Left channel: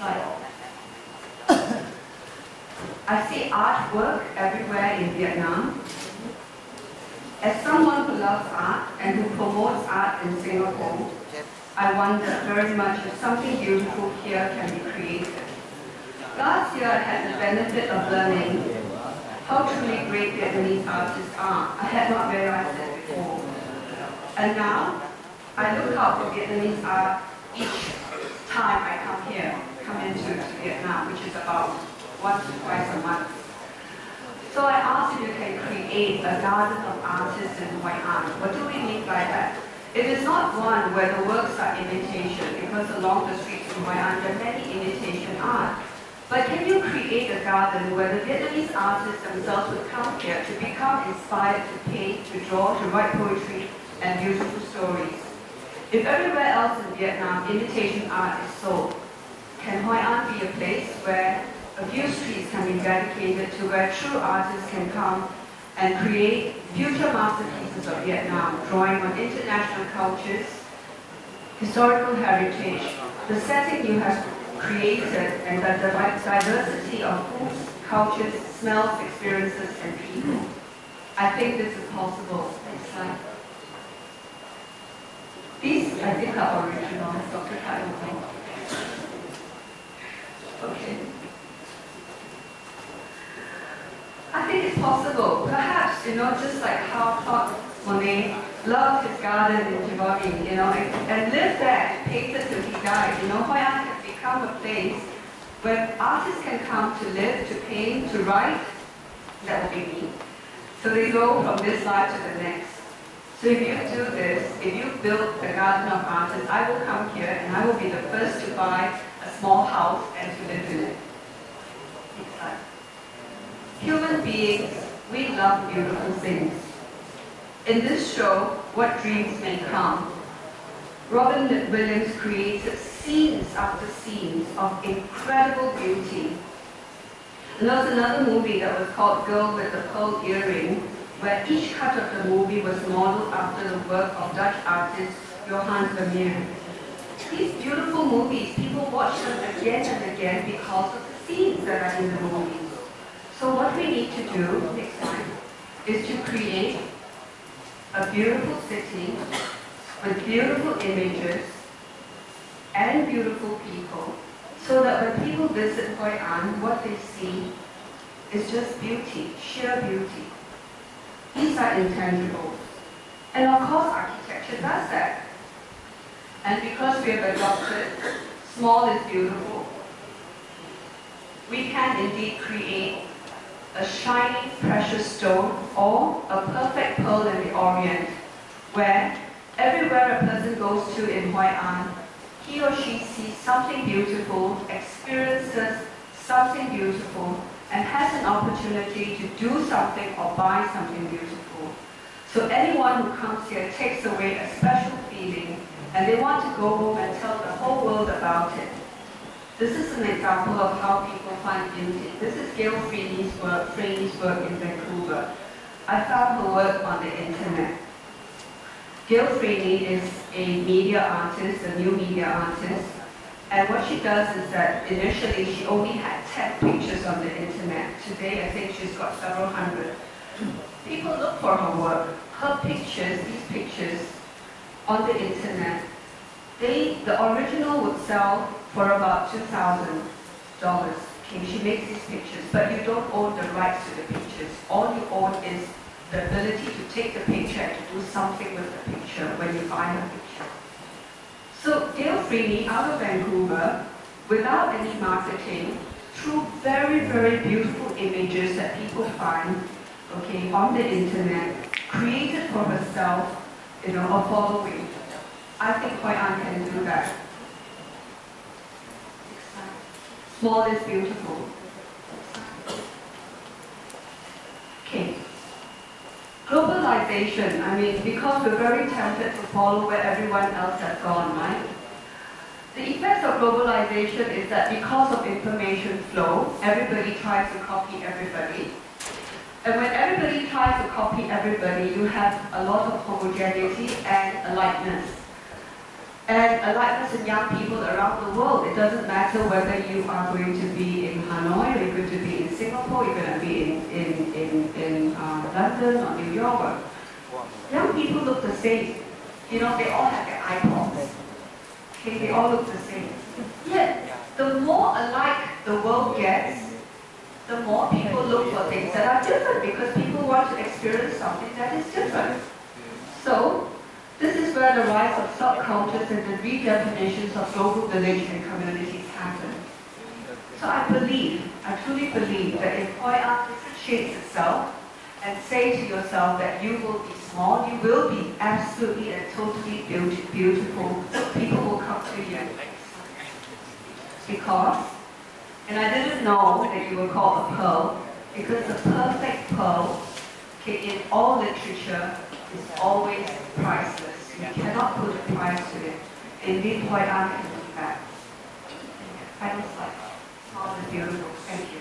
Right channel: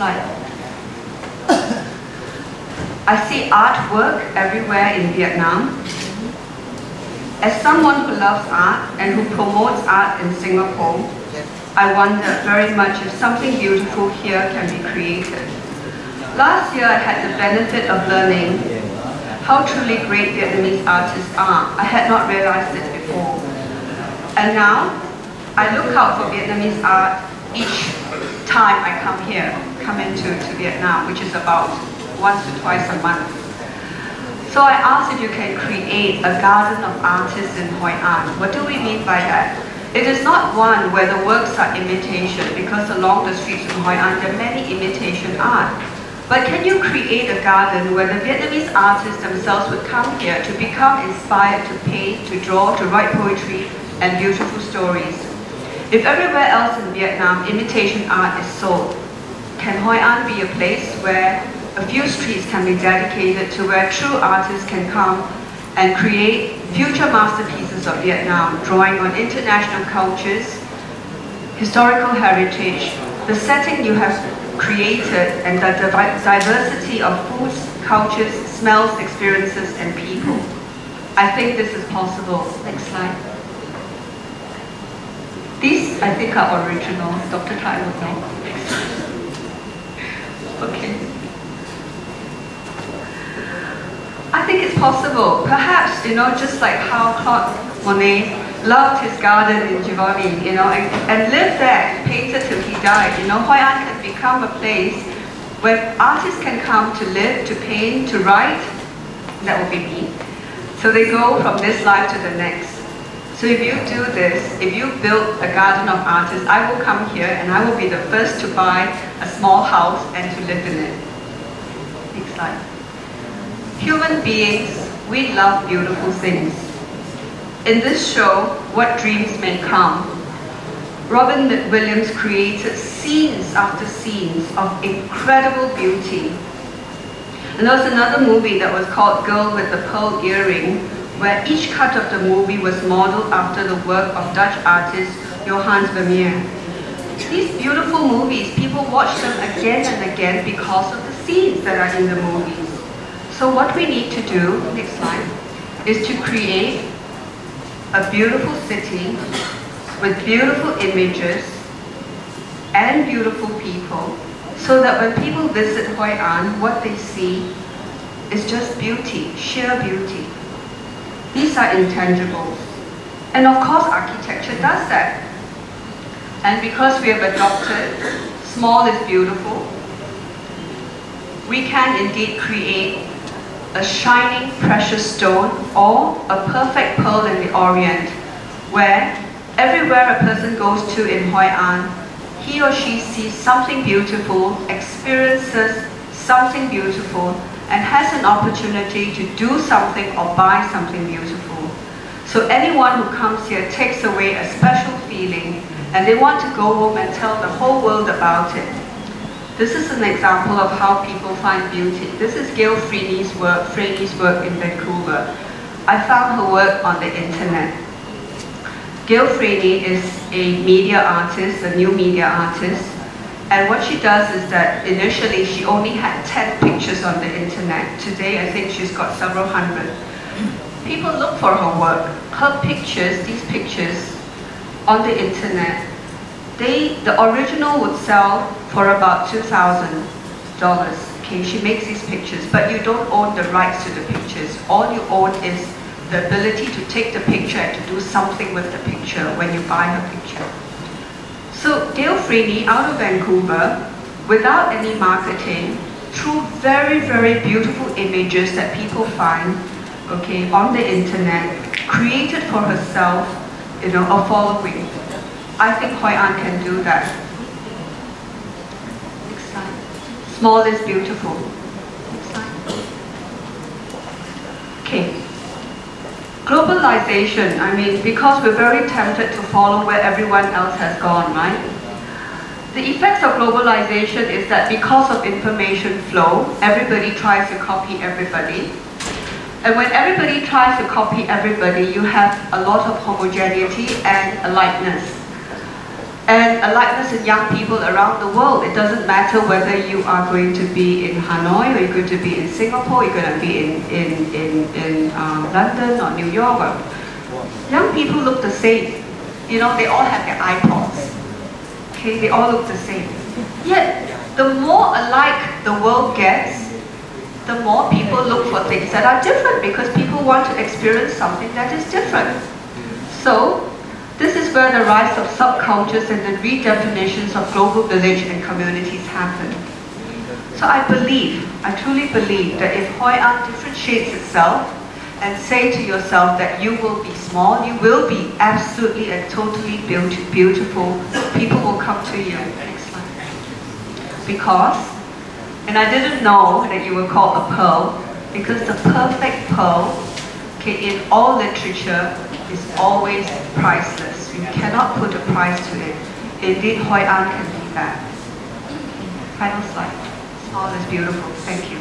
slide. I see artwork everywhere in Vietnam. As someone who loves art and who promotes art in Singapore, I wonder very much if something beautiful here can be created. Last year I had the benefit of learning how truly great Vietnamese artists are. I had not realized it before. And now, I look out for Vietnamese art each time I come into Vietnam, which is about once to twice a month. So I asked if you can create a garden of artists in Hoi An. What do we mean by that? It is not one where the works are imitation, because along the streets of Hoi An there are many imitation art. But can you create a garden where the Vietnamese artists themselves would come here to become inspired to paint, to draw, to write poetry and beautiful stories? If everywhere else in Vietnam imitation art is sold, can Hoi An be a place where a few streets can be dedicated to where true artists can come and create future masterpieces of Vietnam, drawing on international cultures, historical heritage, the setting you have created, and the diversity of foods, cultures, smells, experiences, and people. I think this is possible. Next slide. These, I think, are original. Dr. Tai will know. Okay. I think it's possible. Perhaps, just like how Claude Monet loved his garden in Giverny, and lived there, painted till he died. Hoi An can become a place where artists can come to live, to paint, to write. That would be me. So they go from this life to the next. So if you do this, if you build a garden of artists, I will come here and I will be the first to buy a small house and to live in it. Next slide. Human beings, we love beautiful things. In this show, What Dreams May Come, Robin Williams created scenes after scenes of incredible beauty. And there was another movie that was called Girl with the Pearl Earring, where each cut of the movie was modeled after the work of Dutch artist Johannes Vermeer. These beautiful movies, people watch them again and again because of the scenes that are in the movies. So what we need to do, next slide, is to create a beautiful city with beautiful images and beautiful people, so that when people visit Hoi An, what they see is just beauty, sheer beauty. These are intangibles. And of course architecture does that. And because we have adopted small is beautiful, we can indeed create a shining precious stone or a perfect pearl in the Orient, where everywhere a person goes to in Hoi An, he or she sees something beautiful, experiences something beautiful, and has an opportunity to do something or buy something beautiful. So anyone who comes here takes away a special feeling, and they want to go home and tell the whole world about it. This is an example of how people find beauty. This is Gail Freeney's work in Vancouver. I found her work on the internet. Gail Freeney is a media artist, a new media artist, and what she does is that initially she only had 10 pictures on the internet. Today I think she's got several hundred. People look for her work. Her pictures, these pictures on the internet, the original would sell for about $2,000. Okay, she makes these pictures, but you don't own the rights to the pictures. All you own is the ability to take the picture and to do something with the picture when you buy her picture. So Gail Freeney, out of Vancouver, without any marketing, through very, very beautiful images that people find, okay, on the internet, created for herself, a following. I think Hoi An can do that. Next slide. Small is beautiful. Next slide. Okay. Globalization, because we're very tempted to follow where everyone else has gone, right? The effects of globalization is that because of information flow, everybody tries to copy everybody. And when everybody tries to copy everybody, you have a lot of homogeneity and alikeness. And aliveness in young people around the world. It doesn't matter whether you are going to be in Hanoi, or you're going to be in Singapore, you're going to be in London or New York. Young people look the same. You know, they all have their iPods. Okay, they all look the same. Yet, the more alike the world gets, the more people look for things that are different, because people want to experience something that is different. So, this is where the rise of subcultures and the redefinitions of global village and communities happen. So I truly believe that if Hoi An differentiates itself and say to yourself that you will be small, you will be absolutely and totally beautiful, people will come to you. Next slide. Because, and I didn't know that you were called a pearl, because the perfect pearl, okay, in all literature, is always priceless. You cannot put a price to it. Indeed, Hoi An can be that. Final slide. All is beautiful. Thank you.